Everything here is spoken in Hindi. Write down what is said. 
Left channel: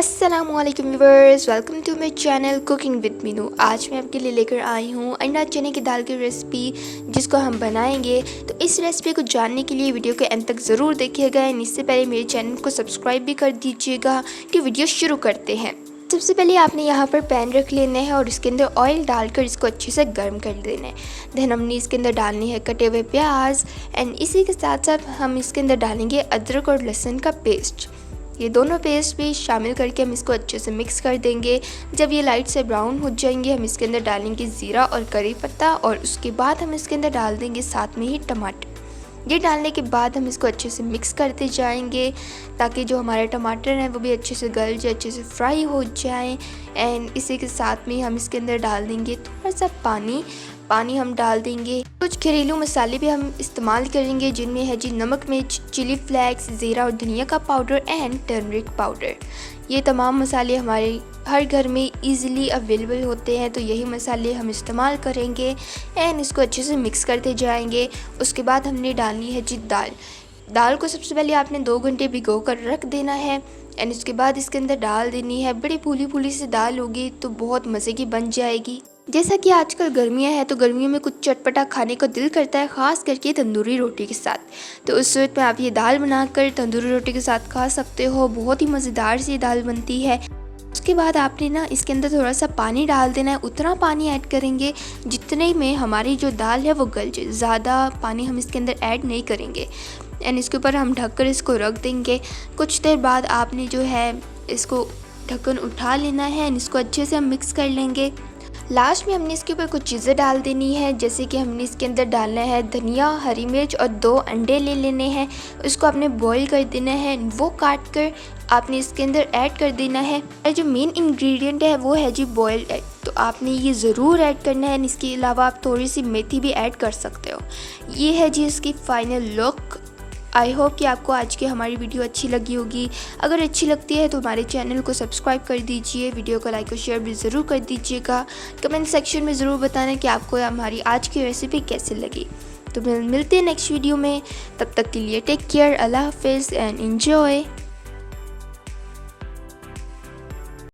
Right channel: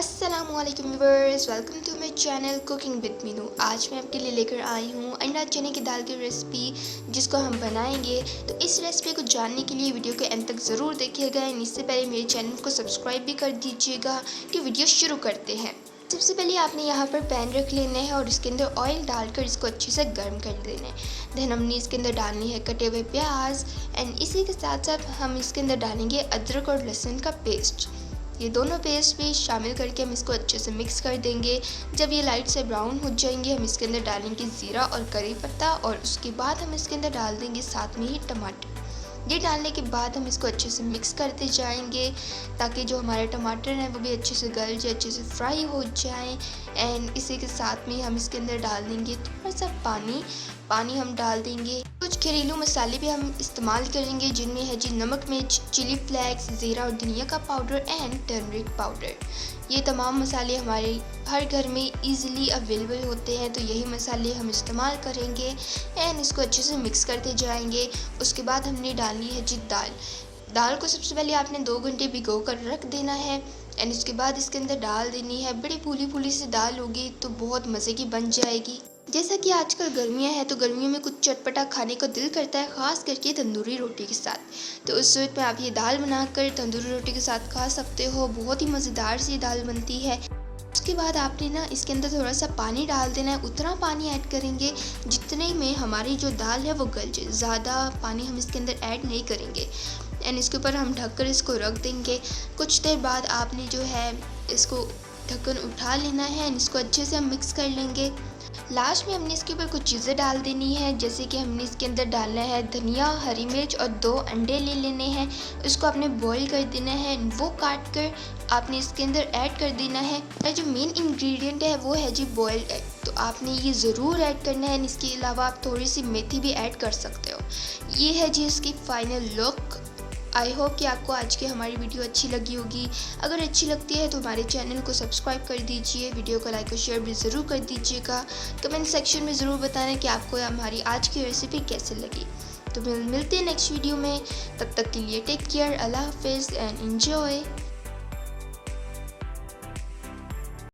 अस्सलामुअलैकुम viewers, welcome to my channel cooking with Meenu. आज मैं आपके लिए लेकर आई हूँ अंडा चने की दाल की रेसिपी, जिसको हम बनाएंगे। तो इस रेसिपी को जानने के लिए वीडियो के अंत तक ज़रूर देखिएगा। इससे पहले मेरे चैनल को सब्सक्राइब भी कर दीजिएगा। कि वीडियो शुरू करते हैं। सबसे पहले आपने यहाँ पर पैन रख लेना है और इसके अंदर ऑयल डालकर इसको अच्छे से गर्म कर लेना है। देन हमने इसके अंदर डालनी है कटे हुए प्याज एंड इसी के साथ साथ हम इसके अंदर डालेंगे अदरक और लहसुन का पेस्ट। ये दोनों पेस्ट भी शामिल करके हम इसको अच्छे से मिक्स कर देंगे। जब ये लाइट से ब्राउन हो जाएंगे हम इसके अंदर डालेंगे ज़ीरा और करी पत्ता और उसके बाद हम इसके अंदर डाल देंगे साथ में ही टमाटर। ये डालने के बाद हम इसको अच्छे से मिक्स करते जाएंगे ताकि जो हमारे टमाटर हैं वो भी अच्छे से गल जाए, अच्छे से फ्राई हो जाए। एंड इसी के साथ में हम इसके अंदर डाल देंगे थोड़ा सा पानी हम डाल देंगे। कुछ घरेलू मसाले भी हम इस्तेमाल करेंगे, जिनमें है जी नमक, मिर्च, चिली फ्लेक्स, ज़ीरा और धनिया का पाउडर एंड टर्मरिक पाउडर। ये तमाम मसाले हमारे हर घर में इजीली अवेलेबल होते हैं, तो यही मसाले हम इस्तेमाल करेंगे। एंड इसको अच्छे से मिक्स करते जाएंगे। उसके बाद हमने डालनी है जी दाल को सबसे पहले आपने 2 घंटे भिगो कर रख देना है। एंड इसके बाद इसके अंदर डाल देनी है। बड़ी फूली फूली सी दाल होगी तो बहुत मज़े की बन जाएगी। जैसा कि आजकल गर्मियां हैं तो गर्मियों में कुछ चटपटा खाने को दिल करता है, ख़ास करके तंदूरी रोटी के साथ। तो उस सूरत में आप ये दाल बनाकर तंदूरी रोटी के साथ खा सकते हो। बहुत ही मज़ेदार सी दाल बनती है। उसके बाद आपने ना इसके अंदर थोड़ा सा पानी डाल देना है। उतना पानी ऐड करेंगे जितने में हमारी जो दाल है वो गल जाए। ज़्यादा पानी हम इसके अंदर ऐड नहीं करेंगे। एंड इसके ऊपर हम ढककर इसको रख देंगे। कुछ देर बाद आपने जो है इसको ढक्कन उठा लेना है एंड इसको अच्छे से हम मिक्स कर लेंगे। लास्ट में हमने इसके ऊपर कुछ चीज़ें डाल देनी है, जैसे कि हमने इसके अंदर डालना है धनिया, हरी मिर्च और 2 अंडे ले लेने हैं। उसको आपने बॉईल कर देना है। वो काट कर आपने इसके अंदर ऐड कर देना है। और जो मेन इंग्रेडिएंट है वो है जी बॉइल्ड एग, तो आपने ये ज़रूर ऐड करना है। इसके अलावा आप थोड़ी सी मेथी भी ऐड कर सकते हो। ये है जी इसकी फाइनल लुक। आई होप कि आपको आज की हमारी वीडियो अच्छी लगी होगी। अगर अच्छी लगती है तो हमारे चैनल को सब्सक्राइब कर दीजिए। वीडियो को लाइक और शेयर भी ज़रूर कर दीजिएगा। कमेंट सेक्शन में ज़रूर बताना कि आपको हमारी आज की रेसिपी कैसे लगी। तो मिलते हैं नेक्स्ट वीडियो में। तब तक के लिए टेक केयर, अल्लाह हाफिज़ एंड एंजॉय।